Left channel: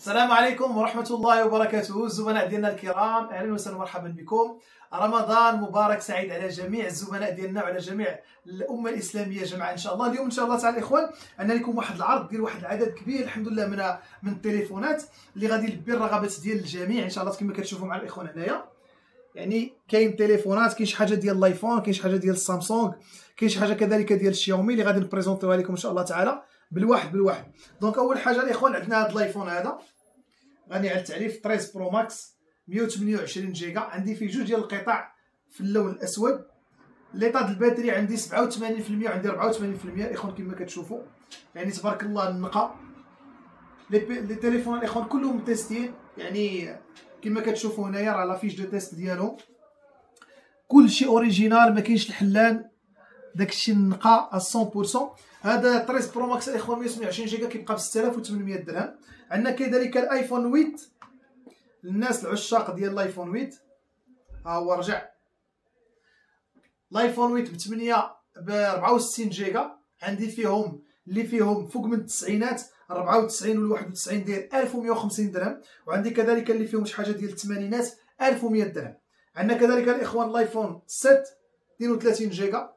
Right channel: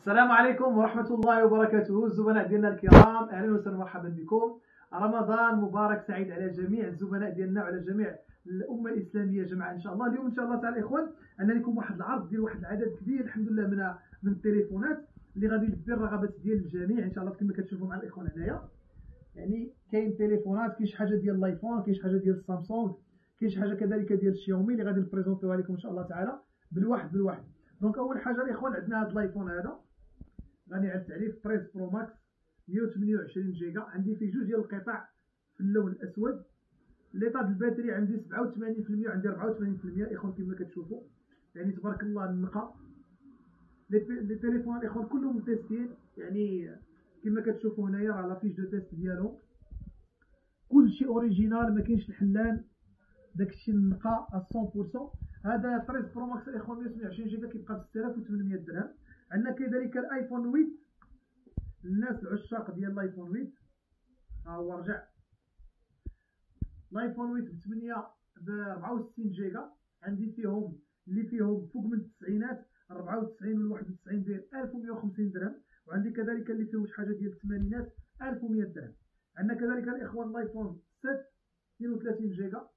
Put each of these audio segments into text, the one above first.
السلام عليكم ورحمة الله وبركاته. الزملاء ديالنا الكرام، أهلا وسهلا ومرحبا بكم. رمضان مبارك سعيد على جميع الزملاء ديالنا وعلى جميع الأمة الإسلامية جمعاء إن شاء الله. اليوم إن شاء الله تعالى الإخوان عندنا لكم واحد العرض ديال واحد العدد كبير الحمد لله من التليفونات اللي غادي يلبي الرغبات ديال الجميع إن شاء الله. كما كتشوفوا مع الإخوان هنايا، يعني كاين تليفونات، كاين شي حاجة ديال الايفون، كاين شي حاجة ديال السامسونج، كاين شي حاجة كذلك ديال الشاومي اللي غادي نبريزونطيوها لكم إن شاء الله تعالى بالواحد. دونك أول حاجة الإخوان عندنا هذا الايفون هذا غني على التعريف 13 برو ماكس 128 جيجا. عندي فيه جوج ديال القطع في اللون الاسود. ليطا ديال الباتري عندي 87% وعندي 84% الاخوان كما كتشوفوا، يعني تبارك الله النقا. لي تيليفون الاخوان كلهم متيستين، يعني كما كتشوفوا هنايا راه لا فيش دو تيست ديالهم كلشي اوريجينال، ما كاينش الحلان، داكشي النقا 100%. هذا 13 برو ماكس الاخوان 128 جيجا كيبقى ب 6800 درهم. عندنا كذلك الايفون 8 للناس العشاق ديال الايفون 8، ها هو رجع الايفون 8 ب 64 جيجا. عندي فيهم اللي فيهم فوق من التسعينات 94 ولا 91 داير 1150 درهم، وعندي كذلك اللي فيهم شي حاجه ديال الثمانينات 1100 درهم. عندنا كذلك الاخوان الايفون 7 32 جيجا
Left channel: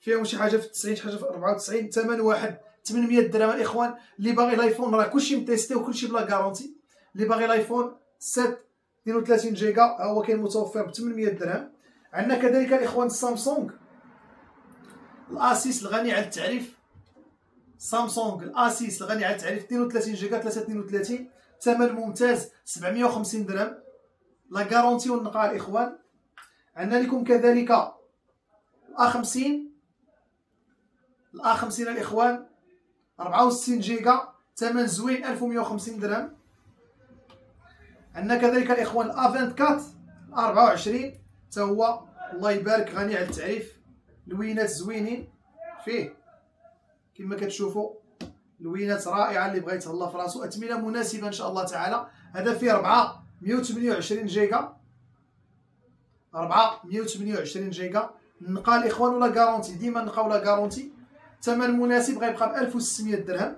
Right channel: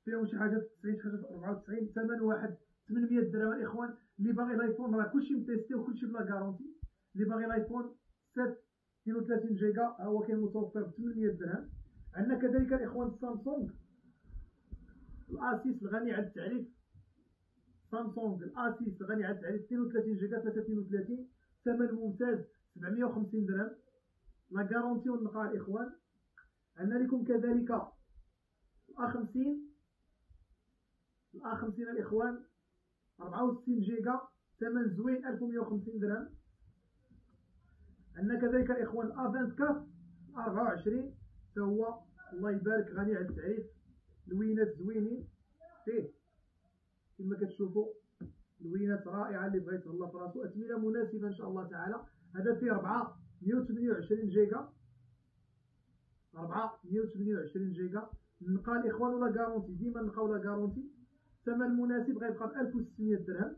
فيهم شي حاجه في 90 شي حاجه في 94، ثمن واحد 800 درهم. الاخوان اللي باغي الايفون راه كلشي متيستي وكلشي بلا كارونتي. اللي باغي الايفون 7 32 جيجا ها هو كاين متوفر ب 800 درهم. عندنا كذلك الاخوان السامسونج الاسيس الغني على التعريف، سامسونج الاسيس الغني على التعريف 32 جيجا 332 ثمن ممتاز 750 درهم، لا كارونتي والنقاء الاخوان. عندنا لكم كذلك الA 50 الاخوان 64 جيجا ثمن زوين 1150 درهم. عندنا كذلك الاخوان الA 24 حتى هو الله يبارك غني على التعريف، لوينات زوينين فيه كما كتشوفوا، لوينات رائعه اللي بغى يتهلا في راسو، اثمنه مناسبه ان شاء الله تعالى. هذا فيه 128 جيجا 128 جيجا نقا الاخوان ولا كارونتي، ديما نقا ولا كارونتي، ثمن مناسب غيبقى ب 1600 درهم.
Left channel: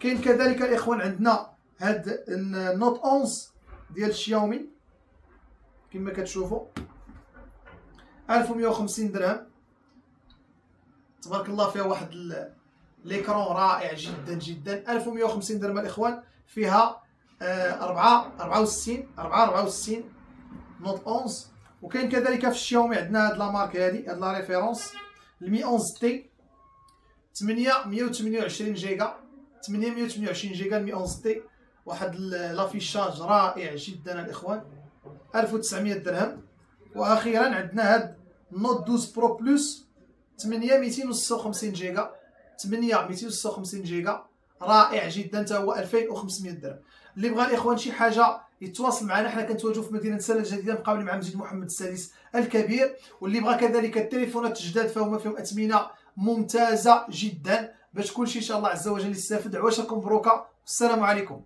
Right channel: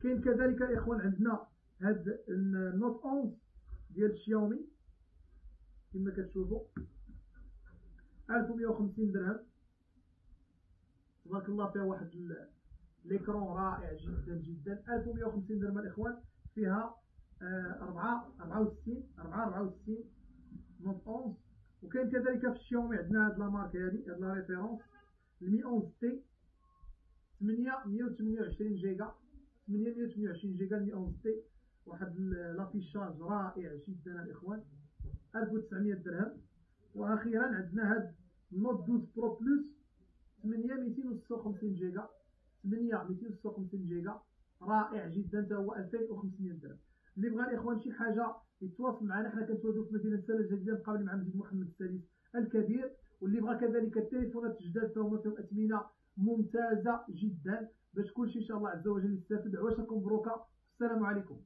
كاين كذلك الاخوان عندنا هاد النوت 11 ديال الشاومي كما كتشوفوا 1150 درهم، تبارك الله فيها واحد ليكرون رائع جدا جدا. 1150 درهم الاخوان، فيها 64 نوت 11. وكاين كذلك في الشاومي عندنا هاد لا مارك هادي، هاد لا ريفيرونس 111 تي 128 جيجا 128 جيجا 111 تي، واحد لافيشاج رائع جدا الاخوان 1900 درهم. واخيرا عندنا هاد نوت 12 برو بلس 256 جيجا 256 جيجا رائع جدا حتى هو 2500 درهم. اللي بغى الاخوان شي حاجه يتواصل معنا، حنا كنتواجدوا في مدينه سلا الجديده مقابل مع مسجد محمد السادس الكبير. واللي بغى كذلك التليفونات الجداد فهما فيهم اثمنه ممتازه جدا باش كلشي ان شاء الله عز وجل يستافد. عواشركم مبروكه، السلام عليكم.